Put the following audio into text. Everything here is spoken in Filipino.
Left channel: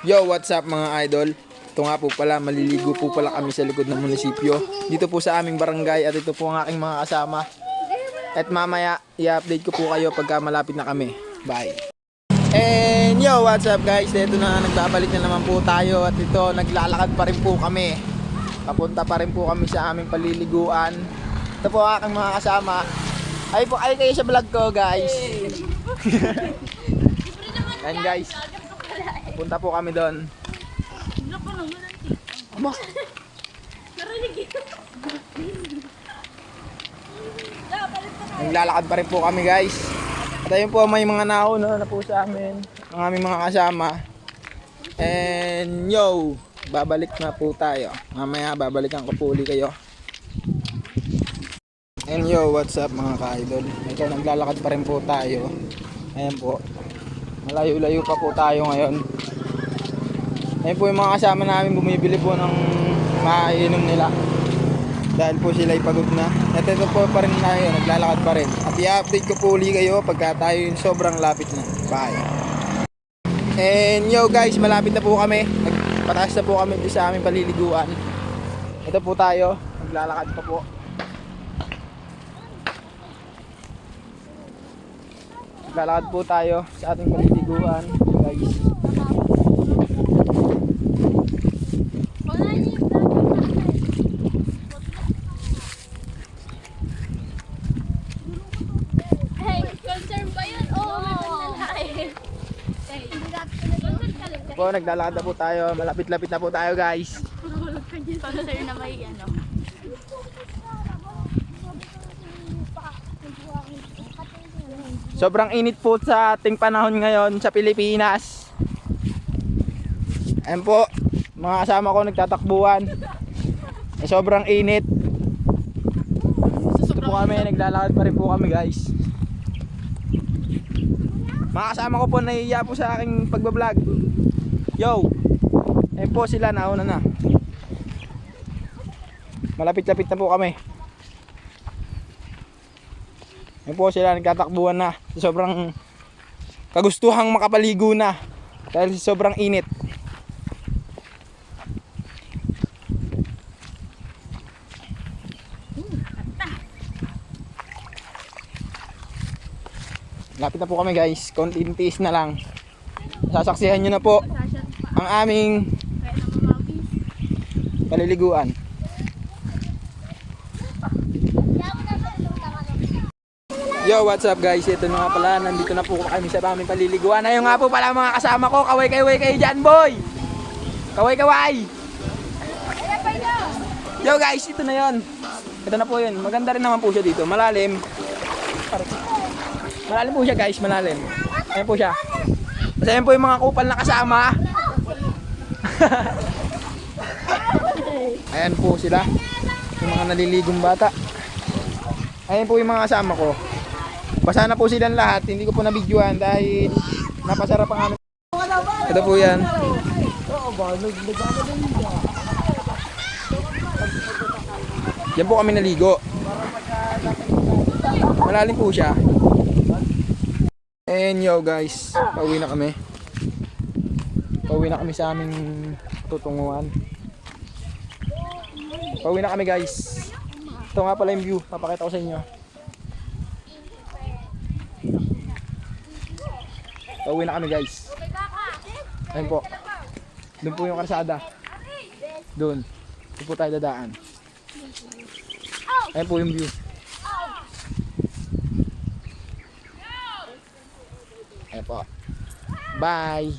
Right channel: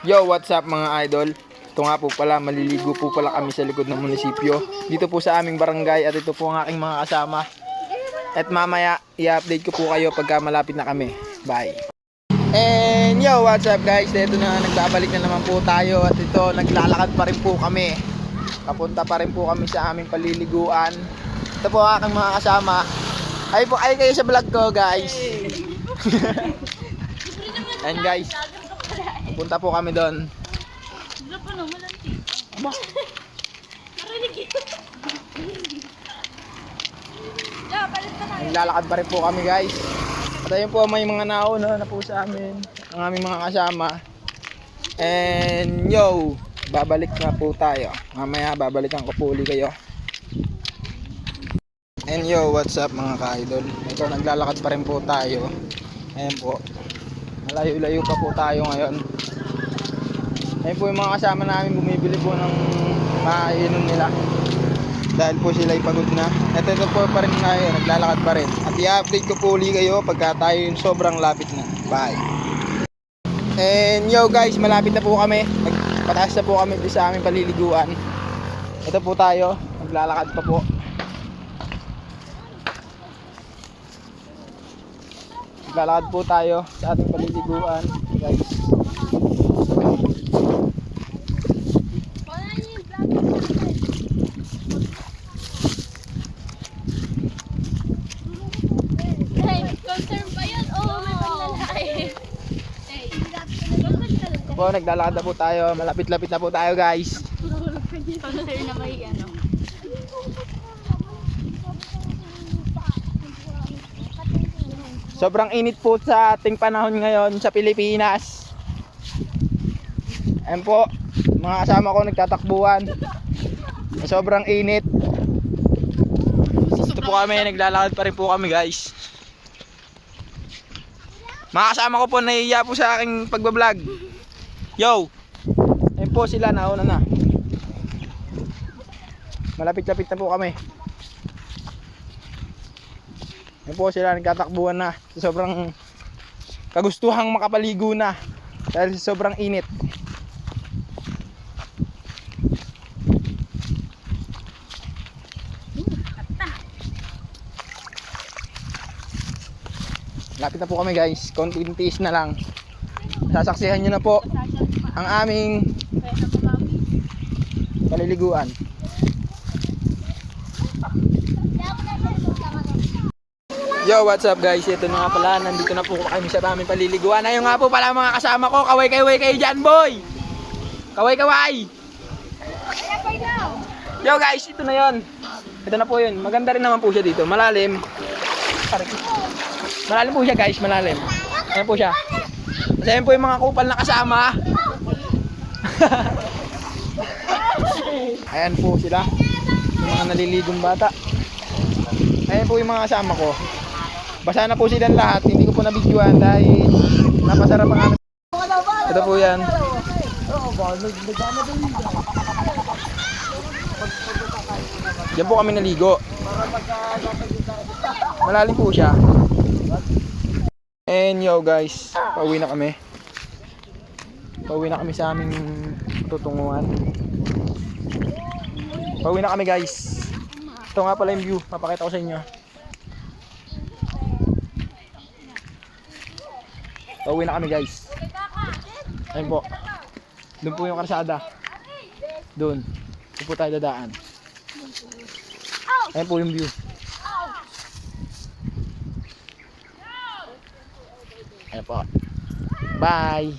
Yo, what's up mga idol? Ito nga po pala, maliligo po pala kami sa likod ng munisipyo. Dito po sa aming barangay at ito po ang aking mga kasama. At mamaya, i-update ko po kayo pagka malapit na kami. Bye! And yo, what's up guys? Ito na, nagbabalik na naman po tayo. At ito, naglalakad pa rin po kami. Papunta pa rin po kami sa aming paliliguan. Ito po ang aking mga kasama. Ay kayo sa vlog ko guys. And guys, punta po kami doon. Aba. Naglalakad pa rin po kami guys. At ayun po, may mga nauna na po sa amin, ang aming mga kasama. And yo, babalik na po tayo. Mamaya babalikan ko po uli kayo. And yo, what's up mga ka-idol? Ito, naglalakad pa rin po tayo. Ayan po, malayo-layo pa po tayo ngayon. Ayun po yung mga kasama namin, bumibili po ng maiinom nila dahil po sila ay pagod na. At ito po pa rin tayo, naglalakad pa rin. At i-update ko po uli kayo pagka tayo yung sobrang lapit na. Bye! And yo guys, malapit na po kami. Nagpataas na po kami sa aming paliliguan. Ito po tayo, naglalakad pa po. Naglalakad po tayo sa ating paliliguan guys. Concern ba yun? Oo, may paglalaki. Po, naglalakad na po tayo. Malapit-lapit na po tayo guys. Concern na may ano. Sobrang init po sa ating panahon ngayon sa Pilipinas. Ayan po, mga kasama ko nagtatakbuhan. Sobrang init. Ito po kami, naglalakad pa rin po kami guys. Mga kasama ko po nahihiya po sa aking pagbablog. Yo! Ayan po sila, nauna na. Malapit-lapit na po kami. Ayan po sila, nagtatakbuhan na. Sobrang kagustuhang makapaligo na dahil sa sobrang init. Lapit na po kami guys, konting tiis na lang. Sasaksihan nyo na po ang aming paliliguan. Yo, what's up guys? Ito na nga pala, nandito na po kami sa aming paliliguan. Ayun nga po pala mga kasama ko, kaway kayo dyan boy! Kaway! Yo guys, ito na yon. Ito na po yun, maganda rin naman po siya dito, malalim. Malalim po siya guys, malalim. Ayan po siya. Kasi ayan po yung mga kupal na kasama. Ayan po sila, yung mga naliligong bata. Ayan po yung mga kasama ko. Basa na po silang lahat, hindi ko po nabidyoan dahil napasarap ang ano. Ito po yan. Yan po kami naligo. Malalim po siya. And yo guys, pauwi na kami. Pauwi na kami sa aming tutunguhan. Pauwi na kami guys. Ito nga pala yung view, papakita ko sa inyo. Pauwi na kami guys. Ayun po. Doon po yung karsada. Doon. Doon po tayo dadaan. Ayun po yung view. Ayan po. Bye!